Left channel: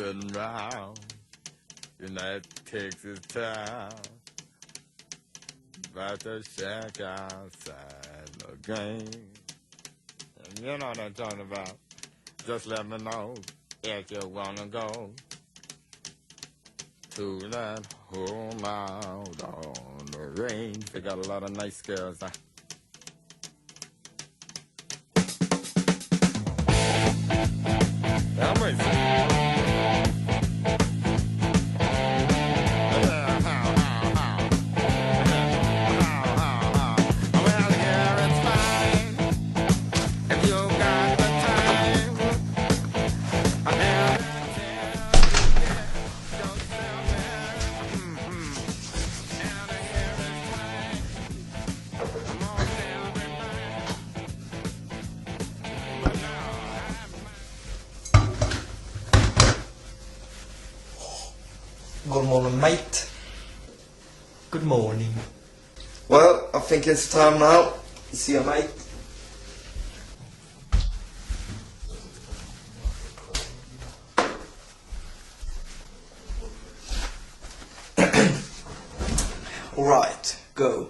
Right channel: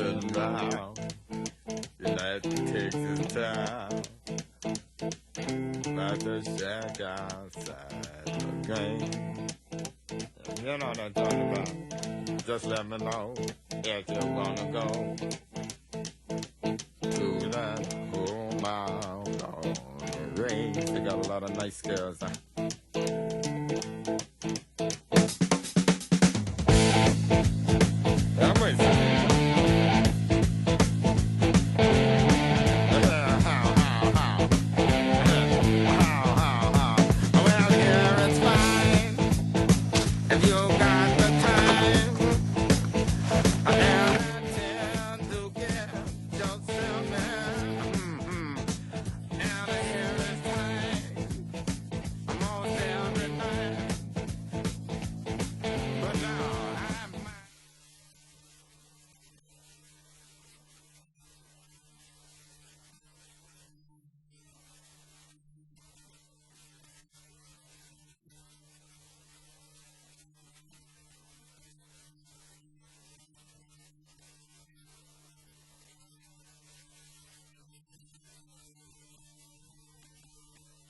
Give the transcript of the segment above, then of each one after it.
moving round. United takes its time. About to check outside the game. You know what I'm talking about. Just let me know if you wanna go to that home out on the range. They got a lot of nice girls, huh? I'm racing. Good morning, mate. Good morning. Well, I think it's time now. See you, mate. Alright, go.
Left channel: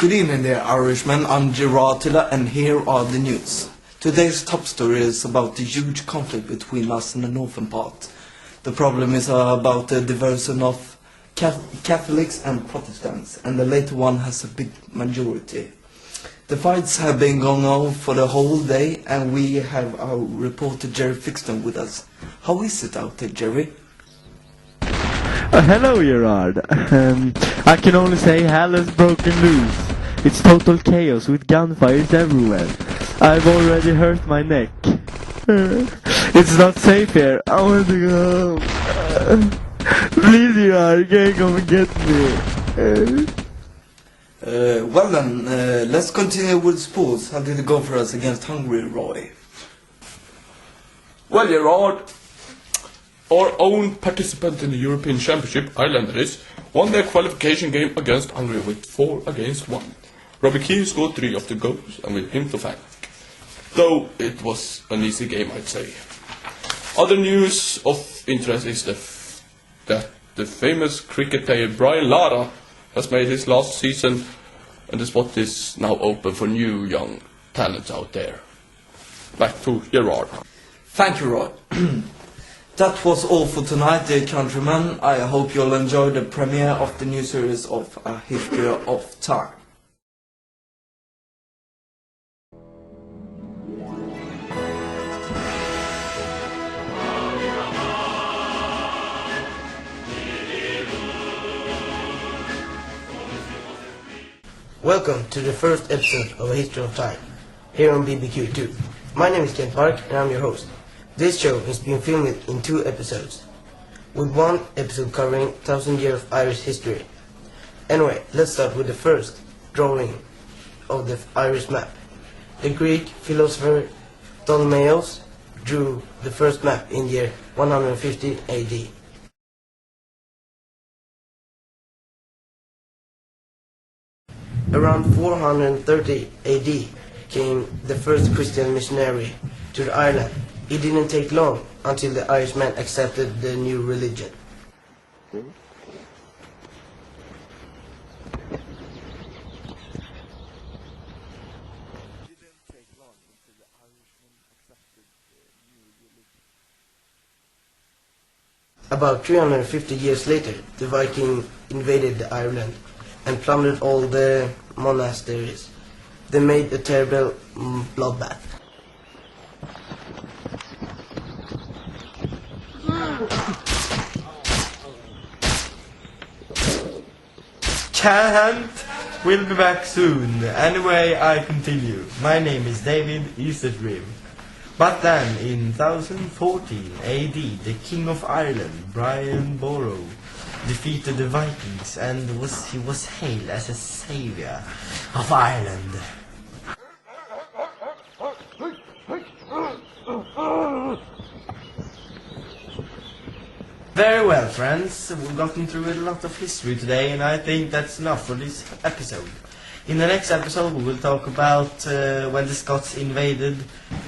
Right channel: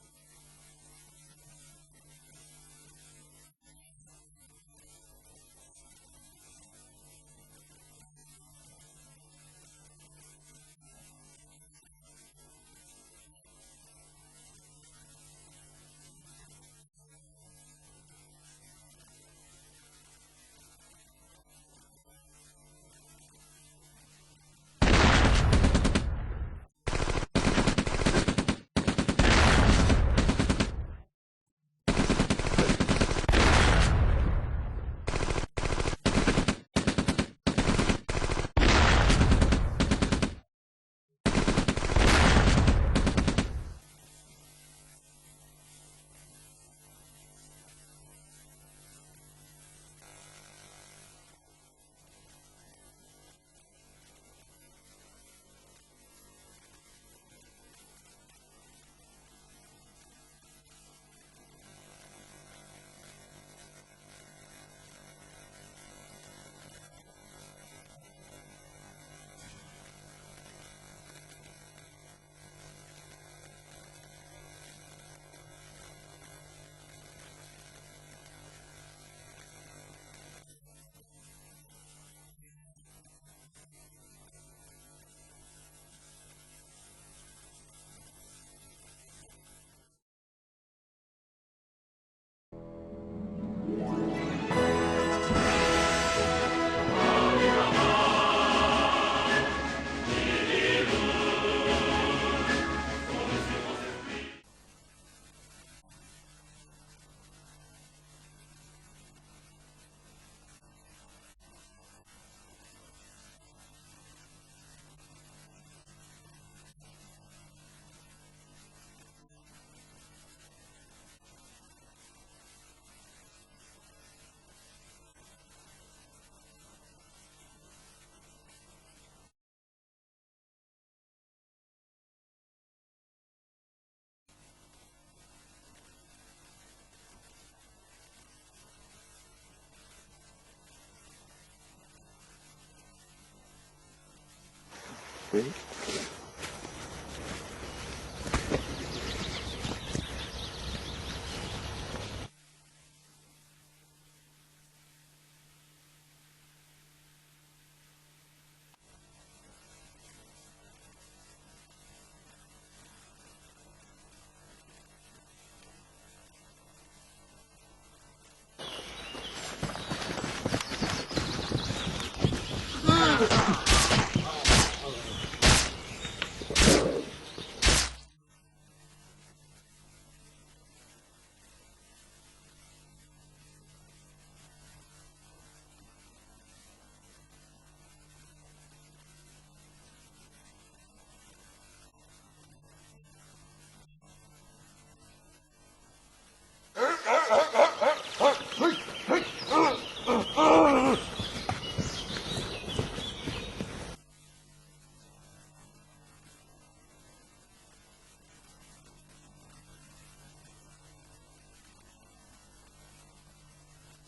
Good evening there, Irishmen. I'm Gerard Tiller, and here are the news. Today's top story is about the huge conflict between us and the northern part. The problem is about the diversion of Catholics and Protestants, and the later one has a big majority. The fights have been going on for the whole day, and we have our reporter Jerry Fixton with us. How is it out there, Jerry? Hello, Gerard. I can only say hell has broken loose. It's total chaos with gunfires everywhere. I've already hurt my neck. It's not safe here. I want to go home. Please, Gerard, can you come and get me? Well then, let's continue with sports. How did it go for us against Hungary, Roy? Well, Gerard, our own participant in the European Championship, Islanders, won their qualification game against Hungary with 4-1. Robbie Keane scored 3 of the goals, and with him to thank. Though it was an easy game, I'd say. Other news of interest is that the famous cricket player Brian Lara has made his last season, and the spot is now open for new young talents out there. Back to Gerard. Thank you, Roy. That was all for tonight, dear countrymen. I hope you'll enjoy the premiere of the new series of A History of Time. Welcome to the first episode of A History of Time, here on BBQ 2. My name is Kent Park, and I'm your host. This show is being filmed in 2 episodes, with 1 episode covering 1,000 years of Irish history. Anyway, let's start with the first drawing of the Irish map. The Greek philosopher Ptolemaeus drew the first map in year 150 AD. Around 430 AD came the first Christian missionary to the island. It didn't take long until the Irishmen accepted the new religion. About 350 years later, the Vikings invaded the island and plundered all the monasteries. They made a terrible bloodbath. Can't. We'll be back soon. Anyway, I continue. My name is David Easterdream. But then, in 1014 AD, the King of Ireland, Brian Boru, defeated the Vikings, and he was hailed as a savior of Ireland. Very well, friends. We've gotten through a lot of history today, and I think that's enough for this episode. In the next episode we will talk about when the Scots invaded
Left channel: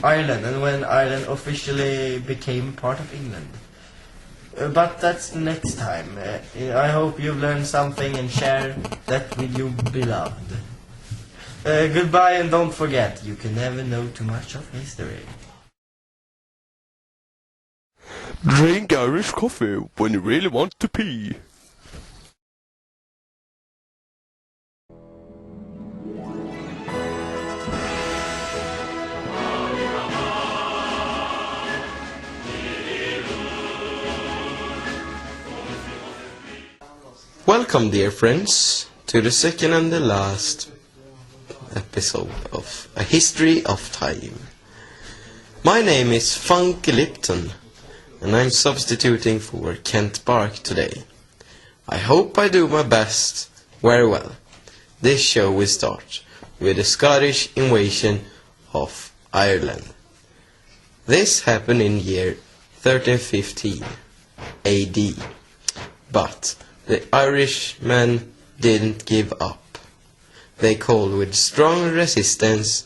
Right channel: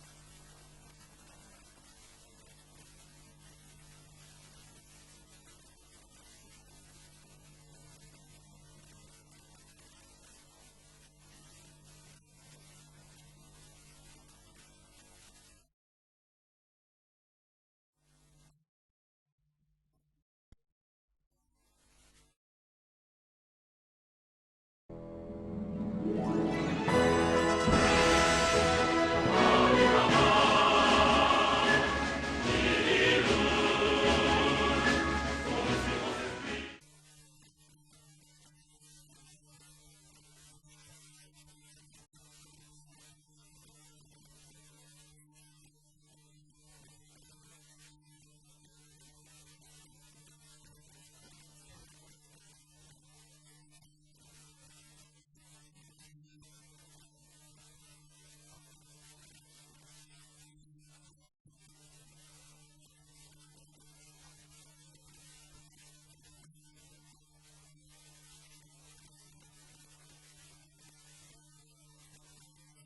Ireland and when Ireland officially became part of England. But that's next time. I hope you've learned something and share that with your beloved. Goodbye, and don't forget, you can never know too much of history. Drink Irish coffee when you really want to pee. Welcome, dear friends, to the second and the last episode of A History of Time. My name is Funky Lipton, and I'm substituting for Kent Bark today. I hope I do my best very well. This show will start with the Scottish invasion of Ireland. This happened in year 1315 AD, but the Irishmen didn't give up. They called with strong resistance,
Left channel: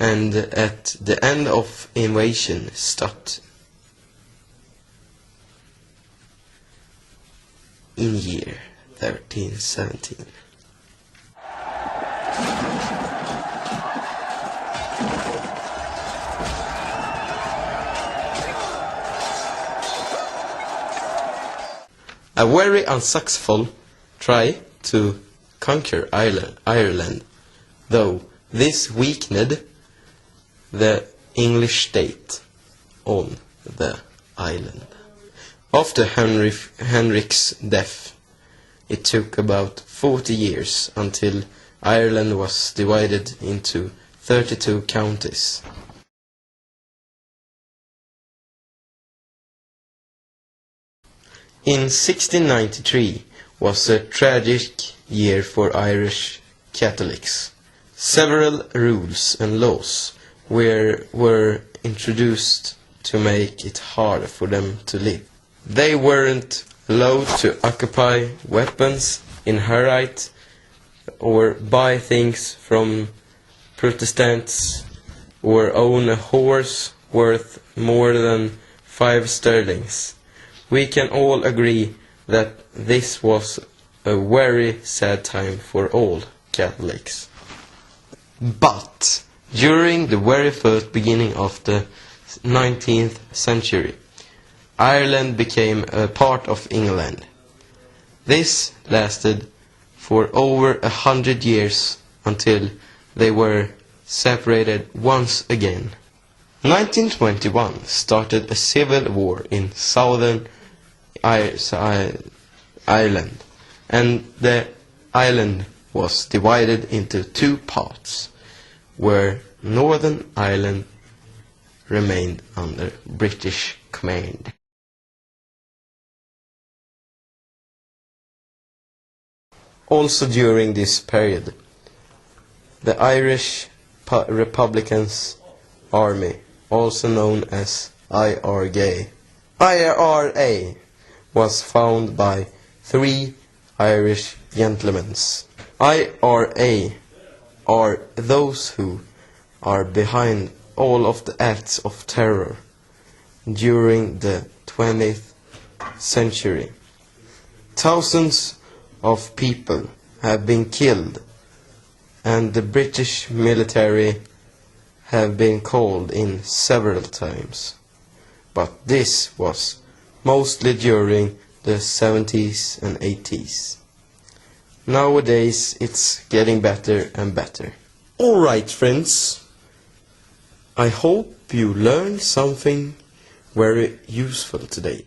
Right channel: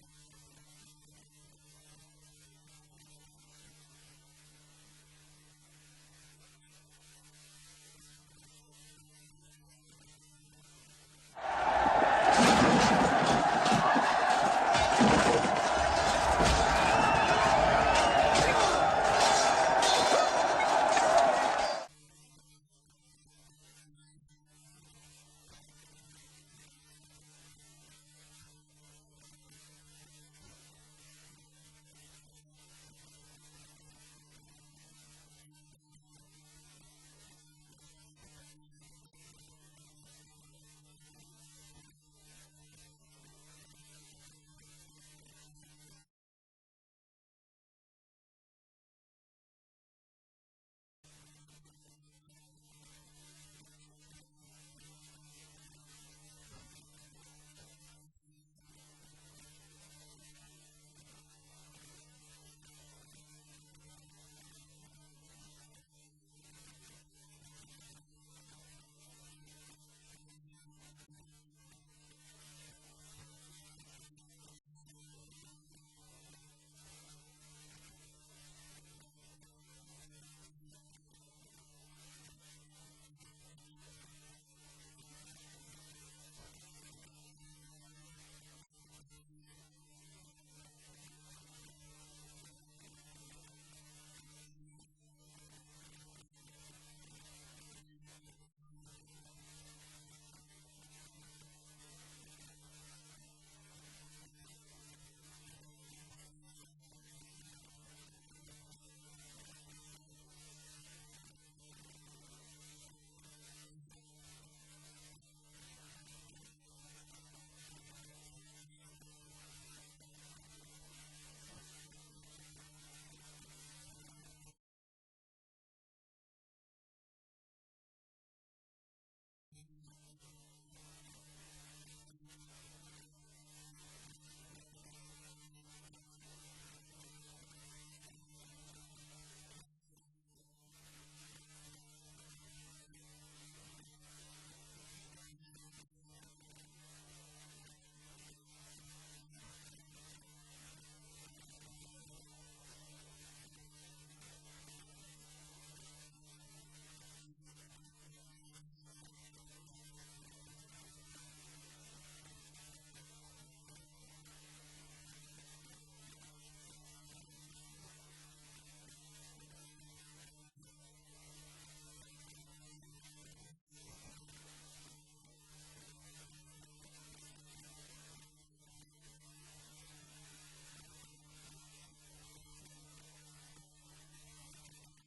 and at the end of invasion stopped in year 1317. A very unsuccessful try to conquer Ireland, though this weakened the English state on the island. After Henrik's death, it took about 40 years until Ireland was divided into 32 counties. In 1693 was a tragic year for Irish Catholics. Several rules and laws were introduced to make it hard for them to live. They weren't allowed to occupy weapons, inherit or buy things from Protestants, or own a horse worth more than 5 sterlings. We can all agree that this was a very sad time for all Catholics. But during the very first beginning of the 19th century, Ireland became a part of England. This lasted for over 100 years until they were separated once again. 1921 started a civil war in southern Ireland, and the island was divided into 2 parts, where Northern Ireland remained under British command. Also during this period, the Irish Republicans Army, also known as IRA, was founded by 3 Irish gentlemen. IRA are those who are behind all of the acts of terror during the 20th century. Thousands of people have been killed, and the British military have been called in several times. But this was mostly during the 70s and 80s. Nowadays it's getting better and better. Alright, friends, I hope you learned something very useful today.